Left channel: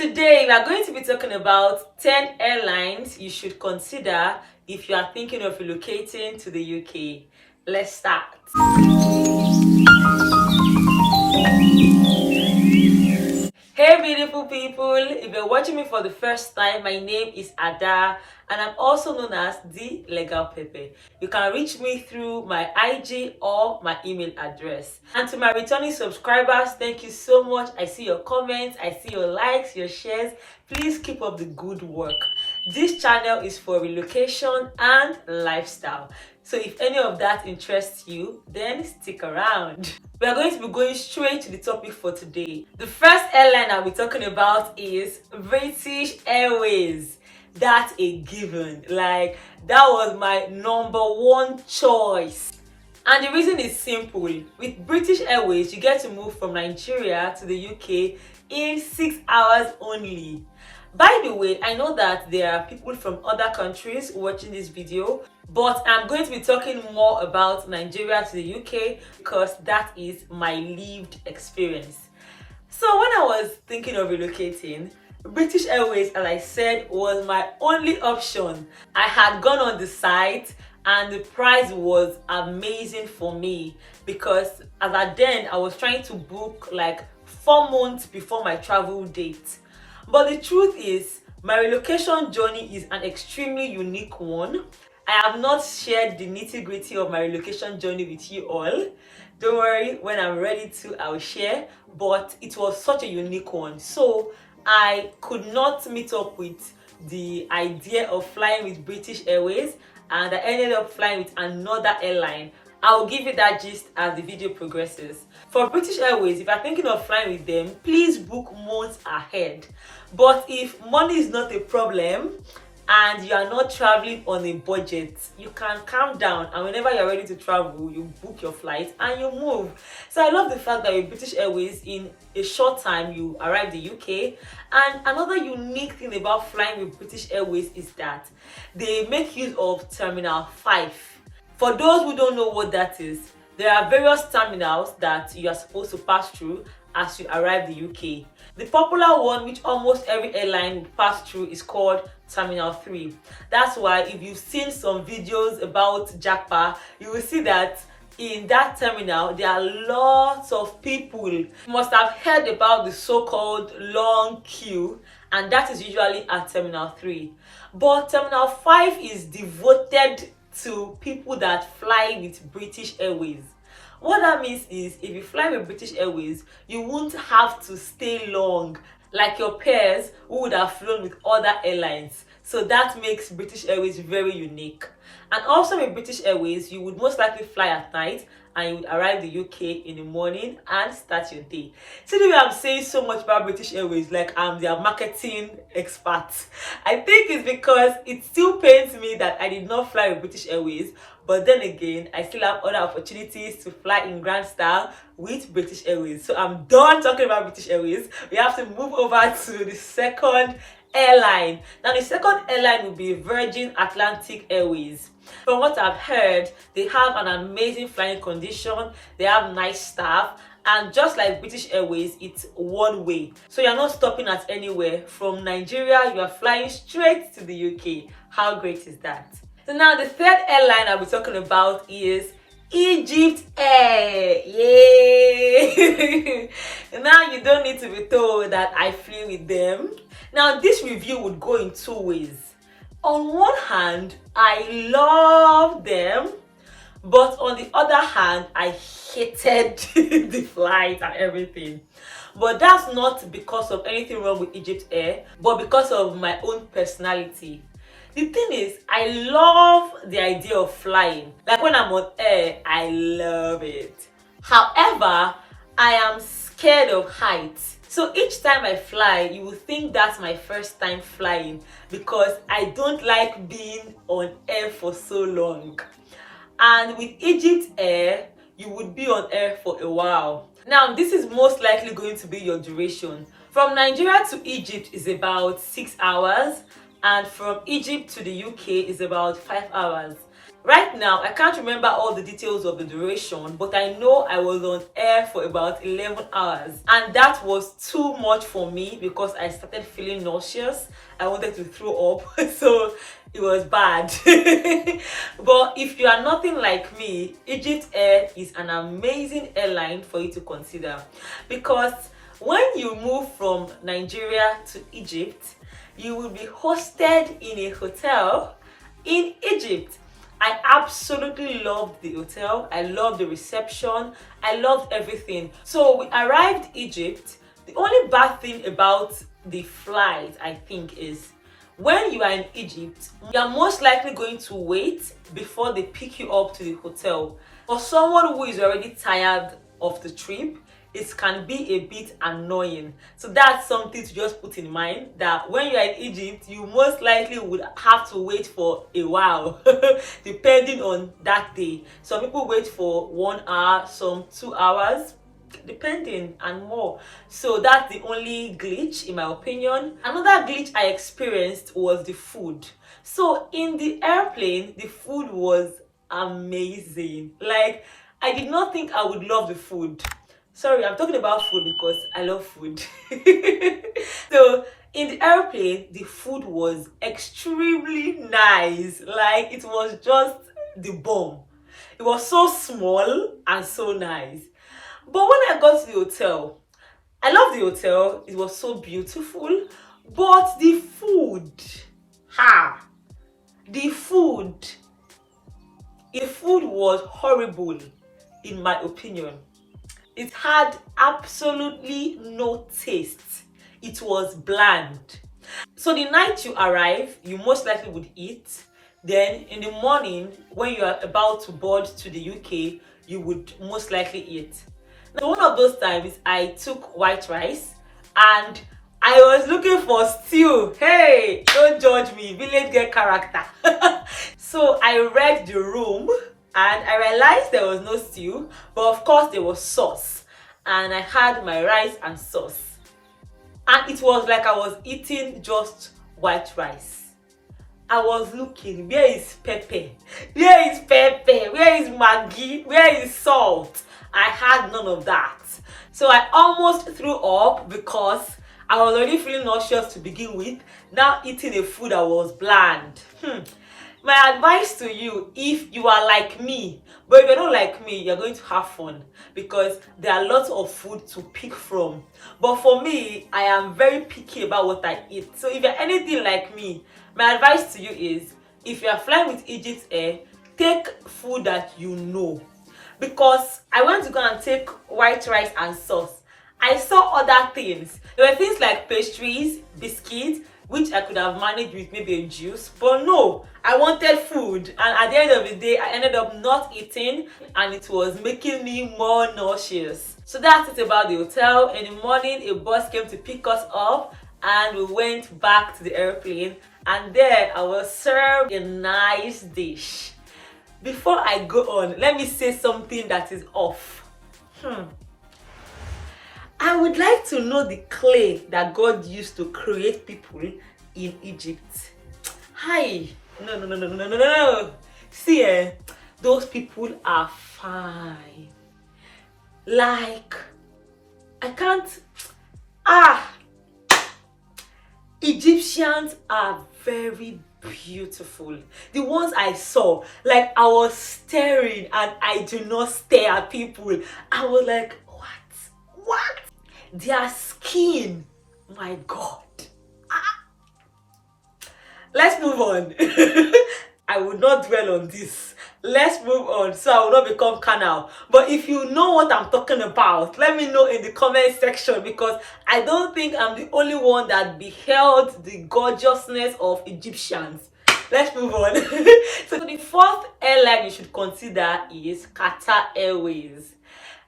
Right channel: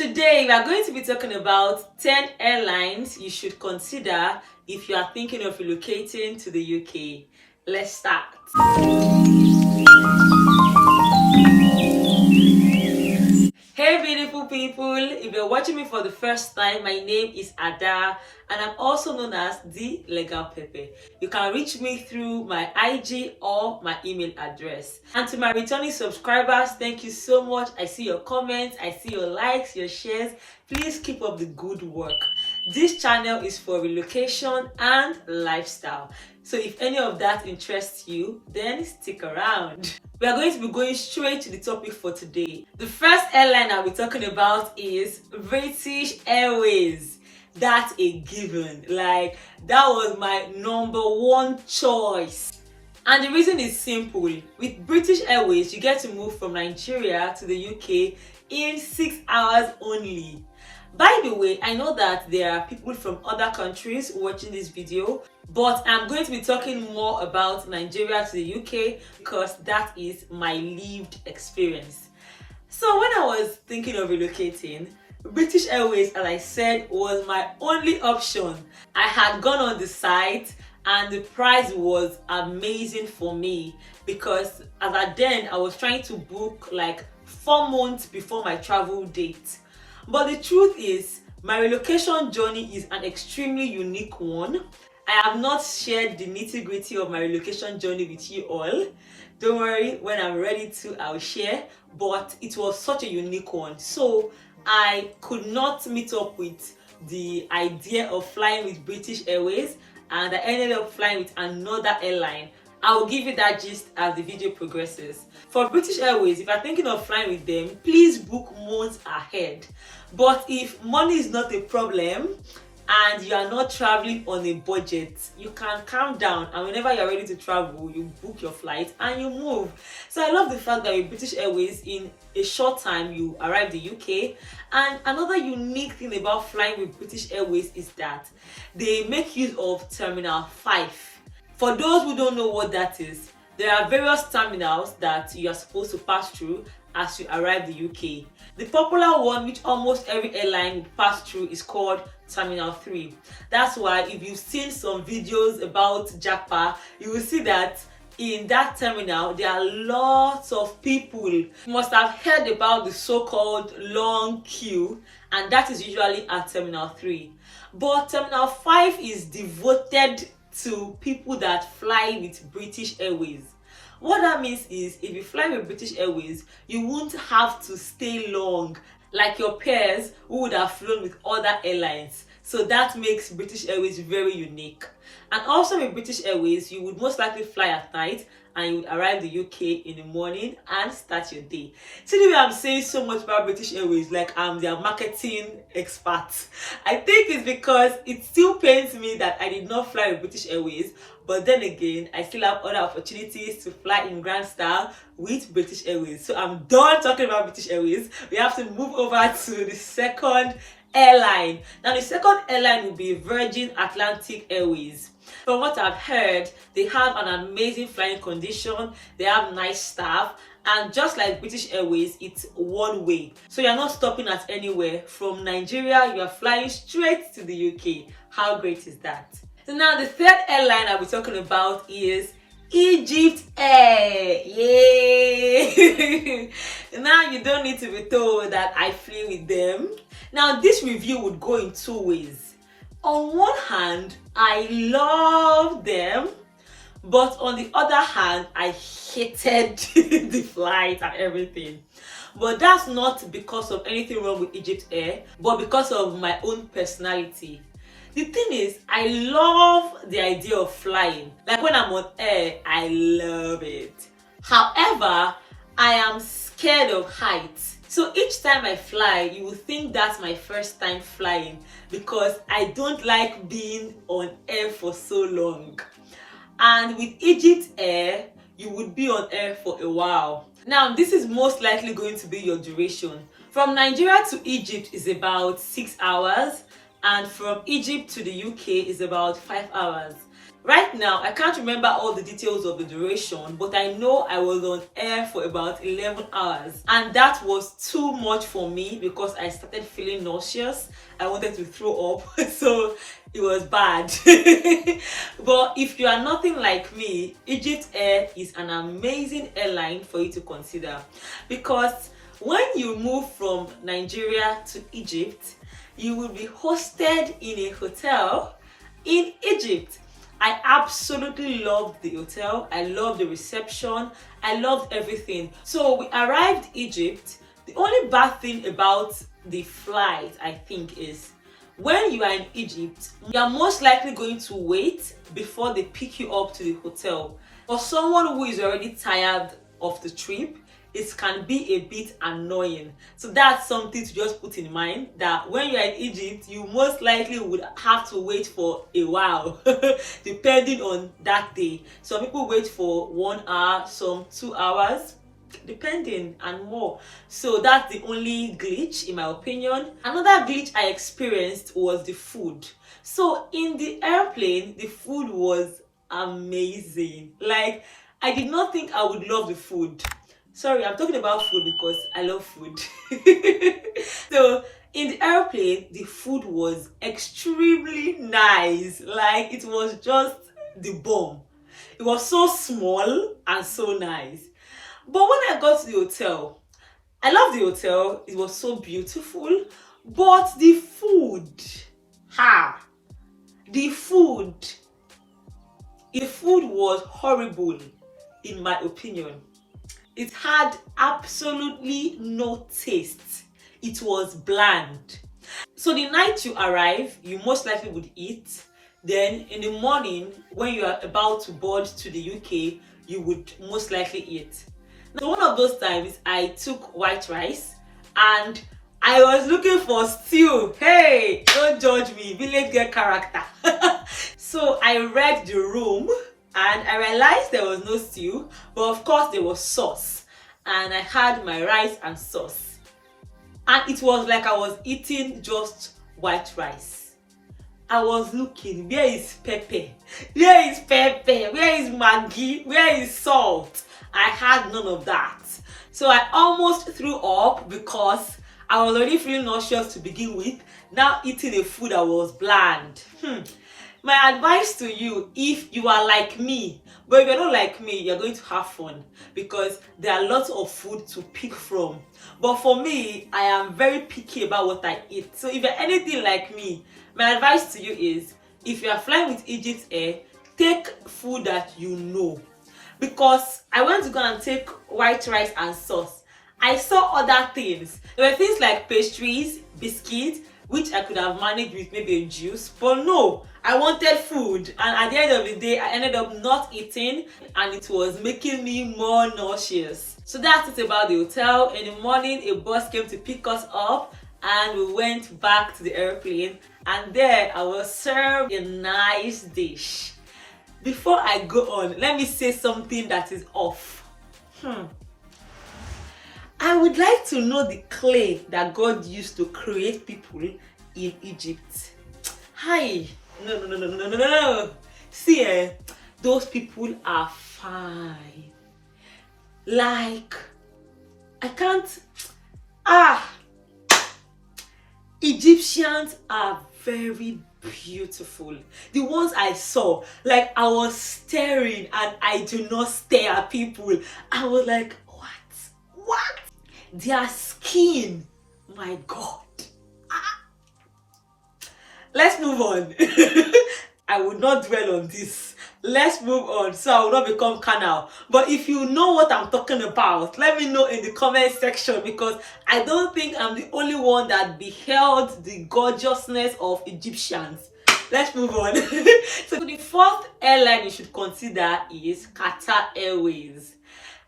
Today, we are going to be talking about 10 airlines you should consider if you are thinking of relocating to the UK. Let's start. Hey beautiful people, if you're watching me for the first time, my name is Ada and I'm also known as the Legal Pepe. You can reach me through my IG or my email address. And to my returning subscribers, thank you so much. I see your comments, I see your likes, your shares. Please keep up the good work. This channel is for relocation and lifestyle. So if any of that interests you, then stick around. We are going to be going straight to the topic for today. The first airline I'll be talking about is British Airways. That's a given. Like, that was my number one choice. And the reason is simple. With British Airways, you get to move from Nigeria to the UK in 6 hours only. By the way, I know that there are people from other countries watching this video, but I'm going to be talking more about Nigeria to the UK because that is my lived experience. So when I was thinking of relocating, British Airways, as I said, was my only option. I had gone on the site and the price was amazing for me because as at then I was trying to book like 4 months before my travel date. But the truth is, my relocation journey is an extremely unique one. I have not shared the nitty-gritty of my relocation journey with you all. Don't worry, when I'm ready to, I'll share. But it was such a unique one. So I could not meet up with the idea of flying with British Airways, and I ended up flying with another airline. I will give you that gist as the video progresses. For British Airways, if you're thinking of flying with them, please book months ahead. But if money is not a problem and you are not traveling on a budget, you can calm down, and whenever you're ready to travel, you book your flight and you move. So I love the fact that with British Airways, in a short time, you arrive the UK. And another unique thing about flying with British Airways is that they make use of Terminal 5. For those who don't know what that is, there are various terminals that you are supposed to pass through as you arrive the UK. The popular one, which almost every airline will pass through, is called Terminal 3. That's why if you've seen some videos about Japa, you will see that in that terminal there are lots of people. You must have heard about the so-called long queue, and that is usually at Terminal 3. But Terminal 5 is devoted to people that fly with British Airways. What that means is, if you fly with British Airways, you won't have to stay long like your peers who would have flown with other airlines. So that makes British Airways very unique. And also with British Airways, you would most likely fly at night and you would arrive the UK in the morning and start your day. See the way I'm saying so much about British Airways, like I'm their marketing expert. I think it's because it still pains me that I did not fly with British Airways, but then again, I still have other opportunities to fly in grand style with British Airways. So I'm done talking about British Airways. We have to move over to the second airline. Now the second airline will be Virgin Atlantic Airways. From what I've heard, they have an amazing flying condition, they have nice staff, and just like British Airways, it's one way. So you're not stopping at anywhere. From Nigeria, you are flying straight to the UK. How great is that? So now the third airline I'll be talking about is Egypt Air. Yay! Now you don't need to be told that I flew with them. Now this review would go in two ways. On one hand, I love them, but on the other hand, I hated the flight and everything. But that's not because of anything wrong with Egypt Air, but because of my own personality. The thing is, I love the idea of flying. Like when I'm on air, I love it. However, I am scared of heights. So each time I fly, you will think that's my first time flying because I don't like being on air for so long. And with Egypt Air, you would be on air for a while. Now, this is most likely going to be your duration. From Nigeria to Egypt is about 6 hours, and from Egypt to the UK is about 5 hours. Right now, I can't remember all the details of the duration, but I know I was on air for about 11 hours. And that was too much for me because I started feeling nauseous. I wanted to throw up, so it was bad. But if you are nothing like me, Egypt Air is an amazing airline for you to consider. Because when you move from Nigeria to Egypt, you will be hosted in a hotel in Egypt. I absolutely loved the hotel. I loved the reception. I loved everything. So we arrived Egypt. The only bad thing about the flight, I think, is when you are in Egypt, you are most likely going to wait before they pick you up to the hotel. For someone who is already tired of the trip, it can be a bit annoying. So that's something to just put in mind, that when you are in Egypt, you most likely would have to wait for a while depending on that day. Some people wait for 1 hour, some 2 hours, depending, and more. So that's the only glitch in my opinion. Another glitch I experienced was the food. So in the airplane, the food was amazing. Like, I did not think I would love the food. Sorry, I'm talking about food because I love food. So in the airplane, the food was extremely nice. Like, it was just the bomb. It was so small and so nice. But when I got to the hotel, I love the hotel. It was so beautiful. But the food, the food was horrible in my opinion. It had absolutely no taste. It was bland. So the night you arrive, you most likely would eat. Then in the morning, when you are about to board to the UK, you would most likely eat. So one of those times, I took white rice and I was looking for stew. Hey, don't judge me, village girl character. So I read the room and I realized there was no stew, but of course there was sauce. And I had my rice and sauce. And it was like I was eating just white rice. I was looking, where is pepper? Where is pepper? Where is Maggi? Where is salt? I had none of that. So I almost threw up because I was already feeling nauseous to begin with. Now eating a food that was bland. My advice to you, if you are like me, but if you're not like me, you're going to have fun because there are lots of food to pick from. But for me, I am very picky about what I eat. So if you're anything like me, my advice to you is, if you are flying with Egypt Air, take food that you know. Because I went to go and take white rice and sauce. I saw other things. There were things like pastries, biscuits, which I could have managed with maybe a juice, but no, I wanted food, and at the end of the day, I ended up not eating, and it was making me more nauseous. So that's it about the hotel. In the morning, a bus came to pick us up, and we went back to the airplane, and there I was served a nice dish. Before I go on, let me say something that is off. I would like to know the clay that God used to create people in Egypt. Hi. No. See, those people are fine. Like, I can't. Egyptians are very beautiful. The ones I saw, like, I was staring and I do not stare at people. I was like, what? Their skin, my God. Let's move on. I would not dwell on this. Let's move on so I will not become carnal. But if you know what I'm talking about, let me know in the comment section, because I don't think I'm the only one that beheld the gorgeousness of Egyptians. Let's move on. So the fourth airline you should consider is Qatar Airways.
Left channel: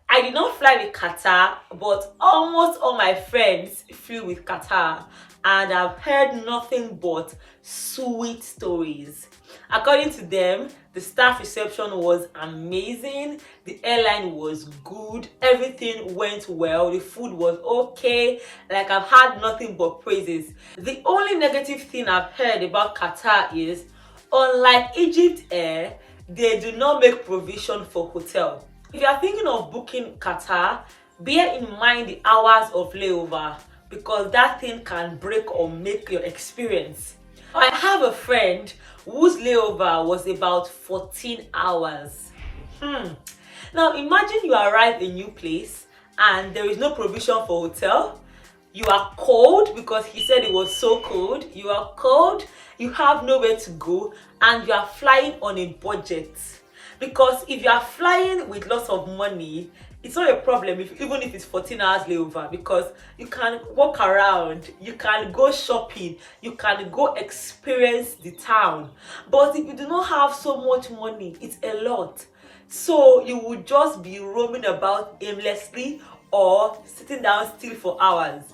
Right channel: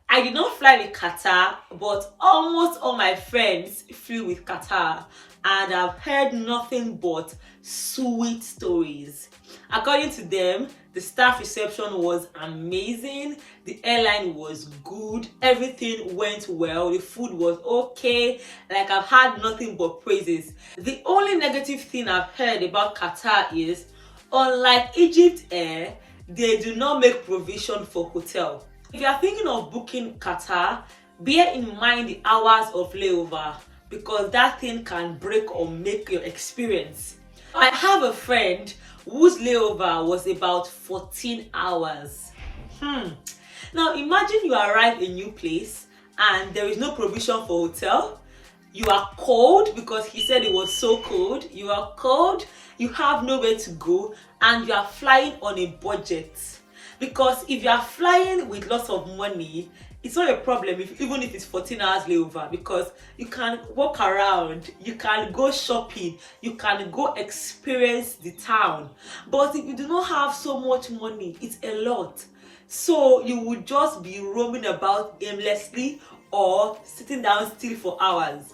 I did not fly with Qatar, but almost all my friends flew with Qatar, and I've heard nothing but sweet stories. According to them, the staff reception was amazing, the airline was good, everything went well, the food was okay. Like, I've had nothing but praises. The only negative thing I've heard about Qatar is, unlike Egypt Air, they do not make provision for hotel. If you are thinking of booking Qatar, bear in mind the hours of layover, because that thing can break or make your experience. I have a friend whose layover was about 14 hours. Now imagine you arrive in a new place and there is no provision for hotel. You are cold, because he said it was so cold. You are cold, you have nowhere to go, and you are flying on a budget. Because if you are flying with lots of money, it's not a problem even if it's 14 hours layover, because you can walk around, you can go shopping, you can go experience the town. But if you do not have so much money, it's a lot. So you would just be roaming about aimlessly or sitting down still for hours.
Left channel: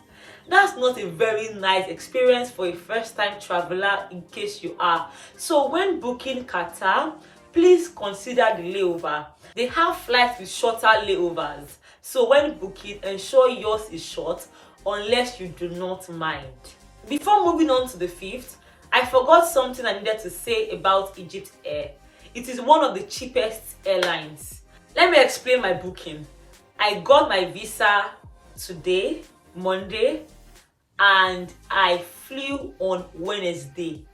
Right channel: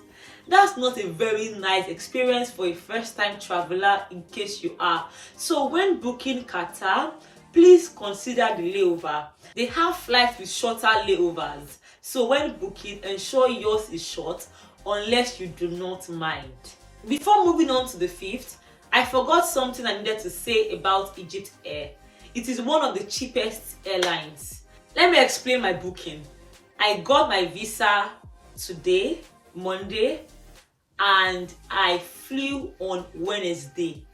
That's not a very nice experience for a first-time traveler, in case you are. So when booking Qatar, please consider the layover. They have flights with shorter layovers. So when booking, ensure yours is short, unless you do not mind. Before moving on to the fifth, I forgot something I needed to say about Egypt Air. It is one of the cheapest airlines. Let me explain my booking. I got my visa today, Monday, and I flew on Wednesday.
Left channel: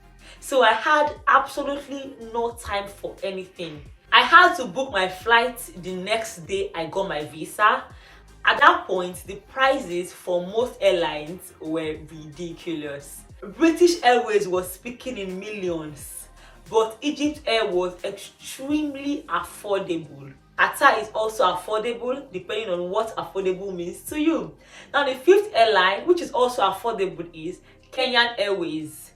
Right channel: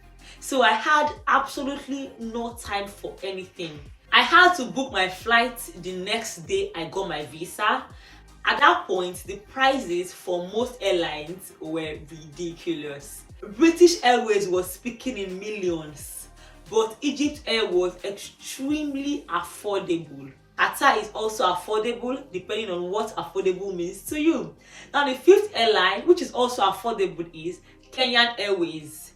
So I had absolutely no time for anything. I had to book my flight the next day I got my visa. At that point, the prices for most airlines were ridiculous. British Airways was speaking in millions, but Egypt Air was extremely affordable. Qatar is also affordable, depending on what affordable means to you. Now the fifth airline, which is also affordable, is Kenyan Airways.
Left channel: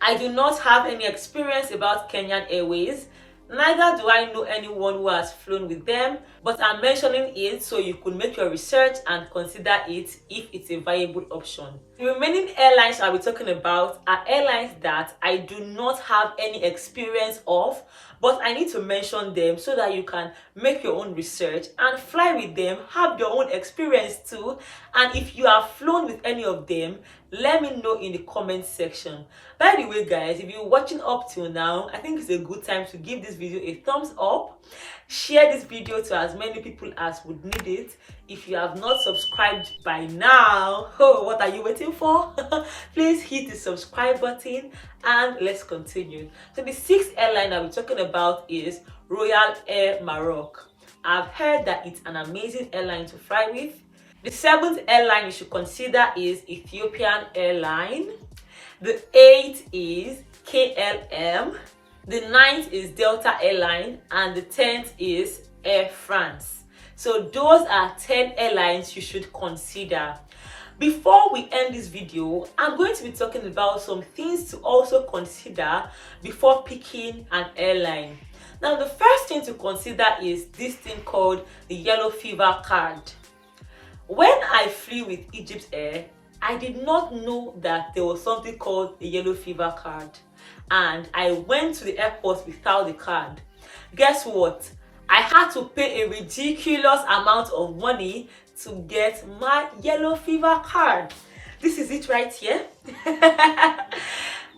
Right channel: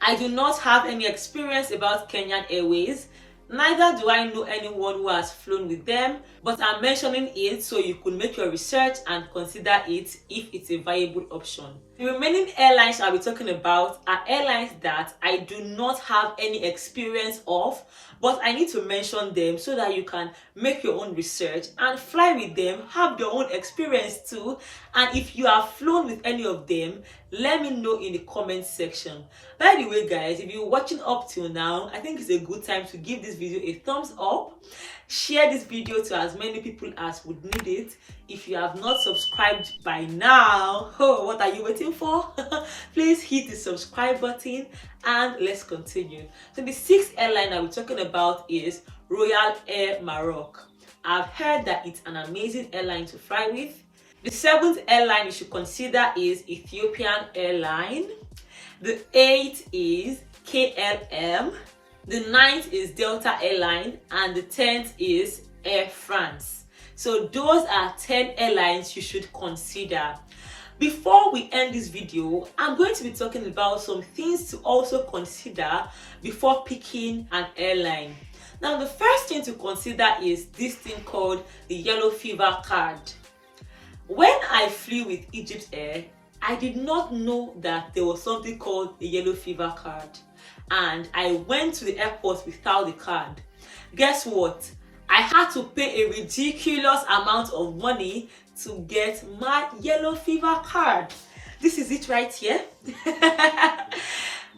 I do not have any experience about Kenyan Airways. Neither do I know anyone who has flown with them, but I'm mentioning it so you could make your research and consider it if it's a viable option. The remaining airlines I'll be talking about are airlines that I do not have any experience of, but I need to mention them so that you can make your own research and fly with them, have your own experience too. And if you have flown with any of them, let me know in the comment section. By the way guys, if you're watching up till now, I think it's a good time to give this video a thumbs up. Share this video to as many people as would need it. If you have not subscribed by now, oh, what are you waiting for? Please hit the subscribe button and let's continue. So the sixth airline that we're talking about is Royal Air Maroc. I've heard that it's an amazing airline to fly with. The seventh airline you should consider is Ethiopian Airline. The eighth is KLM. The ninth is Delta Airline, and the 10th is Air France. So those are 10 airlines you should consider. Before we end this video, I'm going to be talking about some things to also consider before picking an airline. Now, the first thing to consider is this thing called the yellow fever card. When I flew with Egypt Air, I did not know that there was something called a yellow fever card, and I went to the airport without the card. Guess what? I had to pay a ridiculous amount of money to get my yellow fever card. This is it right here.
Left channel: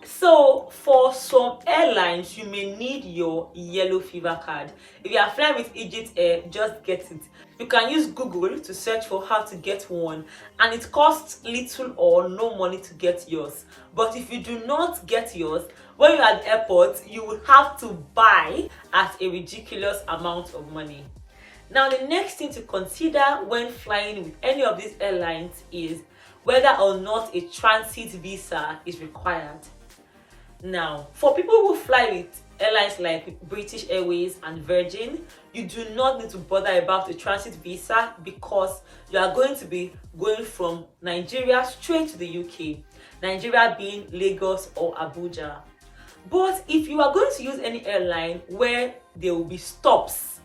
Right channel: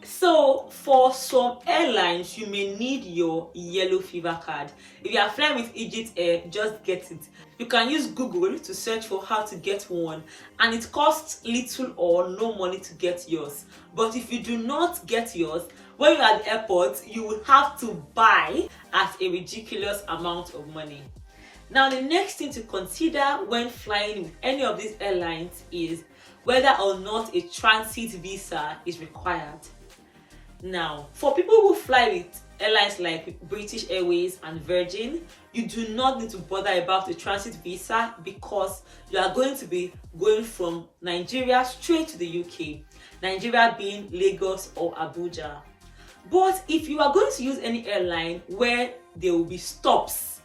So for some airlines, you may need your yellow fever card. If you are flying with Egypt Air, just get it. You can use Google to search for how to get one, and it costs little or no money to get yours. But if you do not get yours, when you're at the airport, you will have to buy at a ridiculous amount of money. Now, the next thing to consider when flying with any of these airlines is whether or not a transit visa is required. Now, for people who fly with airlines like British Airways and Virgin, you do not need to bother about a transit visa, because you are going to be going from Nigeria straight to the UK, Nigeria being Lagos or Abuja. But if you are going to use any airline where there will be stops,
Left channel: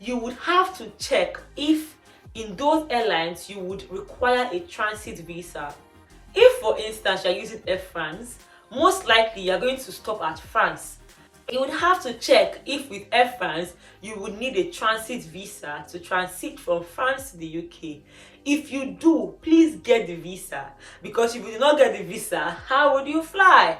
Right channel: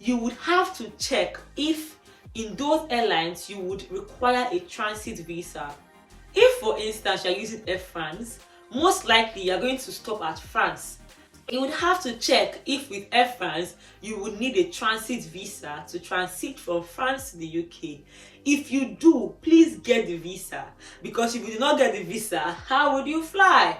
you would have to check if in those airlines you would require a transit visa. If, for instance, you're using Air France, most likely you're going to stop at France. You would have to check if with Air France you would need a transit visa to transit from France to the UK. If you do, please get the visa, because if you do not get the visa, how would you fly?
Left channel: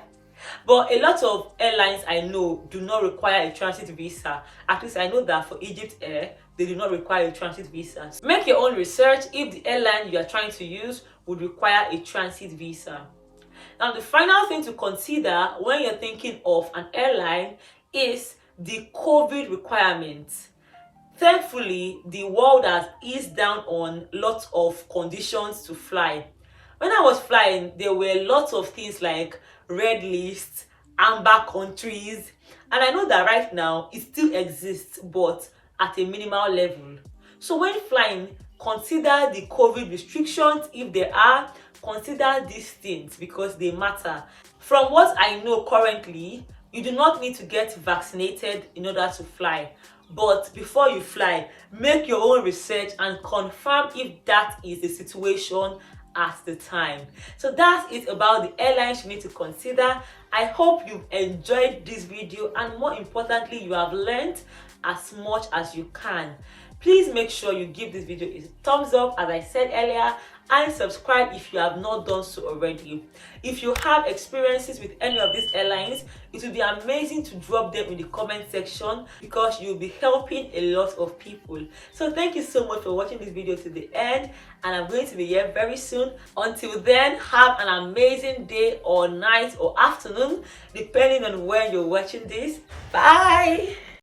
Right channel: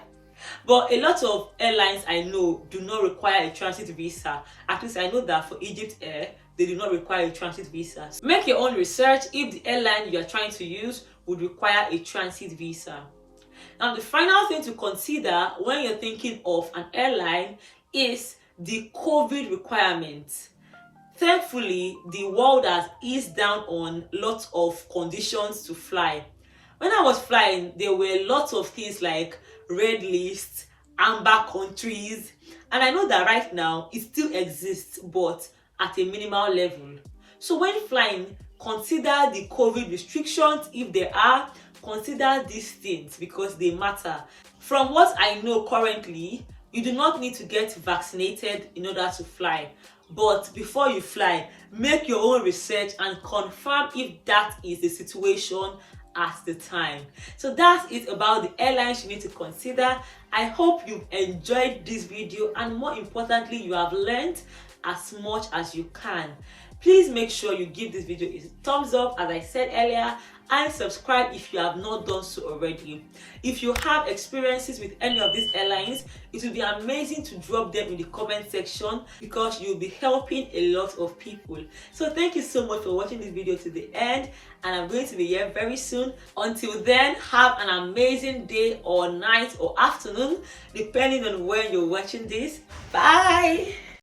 But a lot of airlines I know do not require a transit visa. At least I know that for Egypt Air, they do not require a transit visa. Make your own research if the airline you are trying to use would require a transit visa. Now, the final thing to consider when you're thinking of an airline is the COVID requirements. Thankfully, the world has eased down on lots of conditions to fly. When I was flying, there were lots of things like red lists, amber countries, and I know that right now it still exists, but at a minimal level. So when flying, consider the COVID restrictions if there are. Consider these things because they matter. From what I know currently, you do not need to get vaccinated in order to fly. But before you fly, make your own research and confirm if that is the situation at the time. So that's it about the airlines you need to consider. I hope you've enjoyed this video, and more importantly, you have learned as much as you can. Please make sure you give this video a thumbs up, as I said earlier, and subscribe if you have not done so already. If you have experiences with any of these airlines, it would be amazing to drop them in the comment section because you'll be helping a lot of people. So thank you so much for watching this video to the end, and I'm going to be here very soon. Until then, have an amazing day or night or afternoon, depending on when you're watching this. Bye.